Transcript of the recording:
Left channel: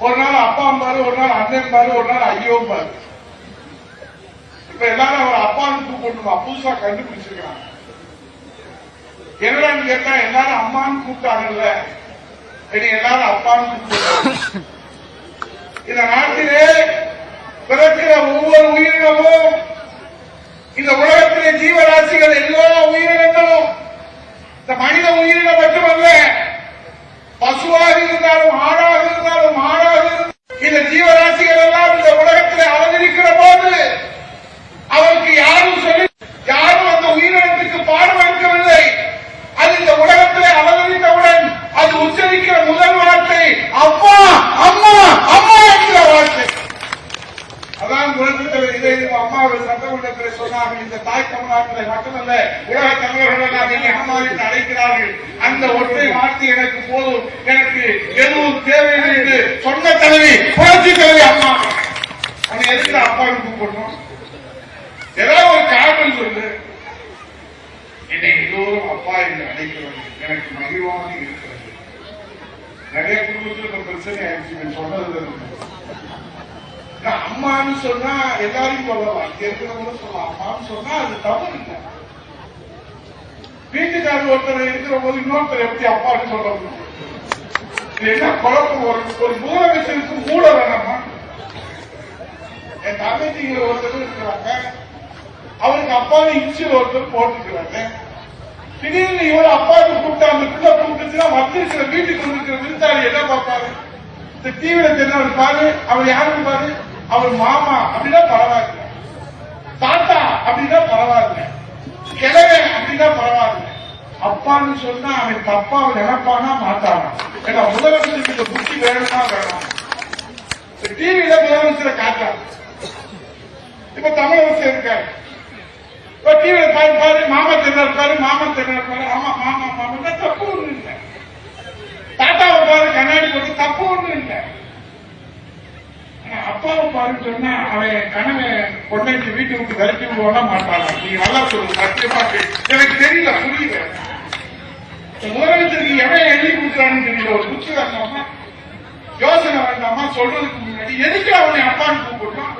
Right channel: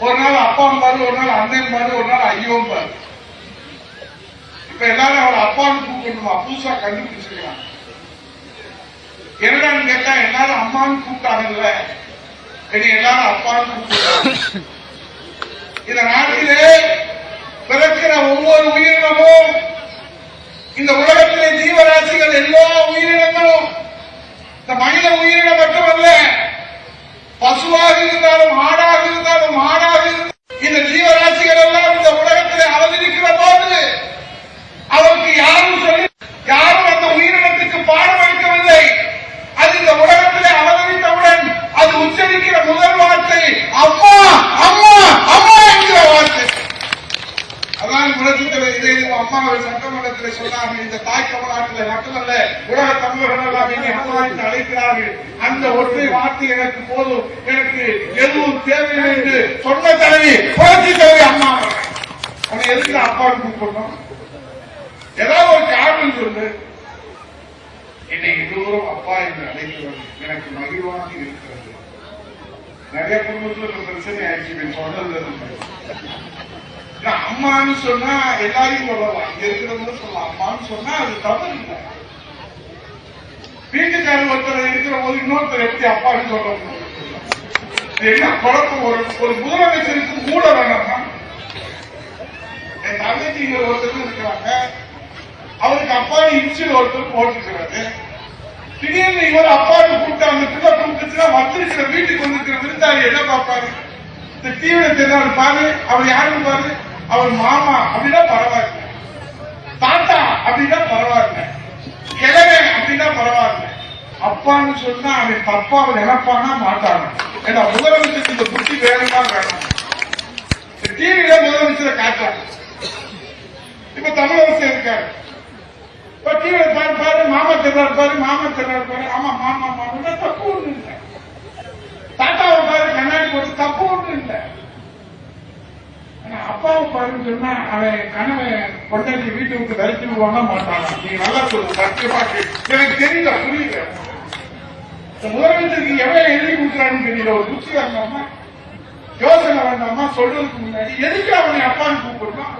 ஒரு நாள் அப்பா பாரு ஒரு நாள் அண்ணன் பாரு ஒரு நாள் ஐயோம் பாரு இப்ப எல்லாரும் அவரை அப்பான்னு கூப்பிடணுமா? புதுசா கண்டுபிடிச்சிருக்காங்க என்னடான்னு கேட்டா எல்லாரும் அம்மான்னு கூப்பிட்டாங்கல்ல. இனி எல்லாரும் அப்பான்னு கூப்பிடுறாங்க. இந்த நாட்டிலே பிறக்கிற ஒவ்வொரு உயிரினமும் இந்த உலகத்திலே ஜீவராசிகள் எல்லாம் உயிரினங்களும் இந்த மனித உயிரினம் மட்டுமல்ல பசுவாக இருந்தாலும் ஆடாக இருந்தாலும் மாடாக இருந்தாலும் இந்த ஜீவராசிகள் எல்லாம் இந்த உலகத்திலே அவதரிக்கிற போது அவருக்கு யாரும் சொல்லி யாரும் அந்த உயிரினத்துக்கு பாடம் எடுக்கவில்லை அது இந்த உலகத்திலே அவதரித்தவுடன் அது உச்சரிக்கிற முதல் வார்த்தை அம்மா அம்மா அம்மா என்கிற வார்த்தை அதான் உலகத்தில் இதை அம்மாவை சட்டமன்றத்தில் சொன்னாங்க இந்த தாய் தமிழ்நாட்டில் மட்டுமல்ல உலக தமிழர்கள் எல்லாம் என்னை அம்மா அழைக்கிறார்கள். அந்த ஒற்றை வார்த்தை எனக்கு போதும். எனக்கு எதுவும் தேவையில்லை என்று சொன்ன தலைவி புரட்சி தலைவி அம்மா. அதை எதுக்கு அப்பாவுக்கு கூப்பிடணும் ஏதாவது ஒரு காரணம் சொல்லு. என்னை எல்லோரும் அப்பா என்று அழைக்கிறது எனக்கு மகிழ்வாக இருக்கிறது. நிறைய குடும்பத்தில் பிரச்சனை ஆயிடுச்சு. நான் சொன்னதுல இருந்து. அம்மான்னு சொன்னா எல்லாரையும் சொல்லலாம் இங்க சொல்லலாம் அம்மான்னு சொன்னா அது தவறு இல்லை. வீட்டுக்காரர் ஒருத்தர் இருக்கிற போது இன்னொருத்தர் எப்படி அப்பான்னு சொல்ல முடியும்? என்ன குழப்பம்? ஒரு ஒரு முதலமைச்சருக்கு மூட வேணாமா? என் தங்கச்சிங்கிற ஒருத்தர் இருக்கிறாங்க. அவருக்கு அப்பான்னு இன்சியல் ஒருத்தர் போட்டுக்கிறாரு திடீர்னு இவர் அப்பாவுக்கு கூப்பிட்டு அந்த பிள்ளை கூப்பிட்டுச்சுன்னா வந்திருக்கிற வீட்டுக்கு வந்திருக்கிற விருந்தாளி என்ன பார்ப்பாரு? இந்த டிவியில தெரிஞ்சவர் பாரு அவர் யாருன்னு பாரு. அவர் மாமா அப்படின்னா பரவாயில்ல. தாத்தா அப்படின்னா பரவாயில்ல. கிழவன் அப்படின்னா பரவாயில்ல. அப்பான்னு சொன்னா அவன் தப்பாவை நினைப்பானா மாட்டானா? ஏன்னா முதலமைச்சருக்கு இந்த புத்தி வேணும்னா வேணாம். இந்த டிவியில முதலமைச்சரை காட்டாரு இப்ப தமிழரசு இருக்காரு இப்ப டிவியில பாரு பாரு மாமா தென்னார் பாரு மாமா தென்னார் பாரு. ஆமா மாமா மாமா அப்பாவை பாருன்னு சொன்னா அவன் கணவன் கொண்டாடி வீட்டை விட்டு விரட்டி விடுவானா மாட்டானா. நீங்க நல்லா சொல்லுங்க சத்தியமா எனக்கு தெரியல புரியுங்க முதலமைச்சருக்கு எவ்வளவு எழுதி கொடுக்குறான்னு தெரியல. ஒரு புத்தி வந்தாமா யோசனை வந்தாமா சொல்றதுக்கு முன்னாடி எதுக்கு அவனை அப்பான்னு கூப்பிடுறான்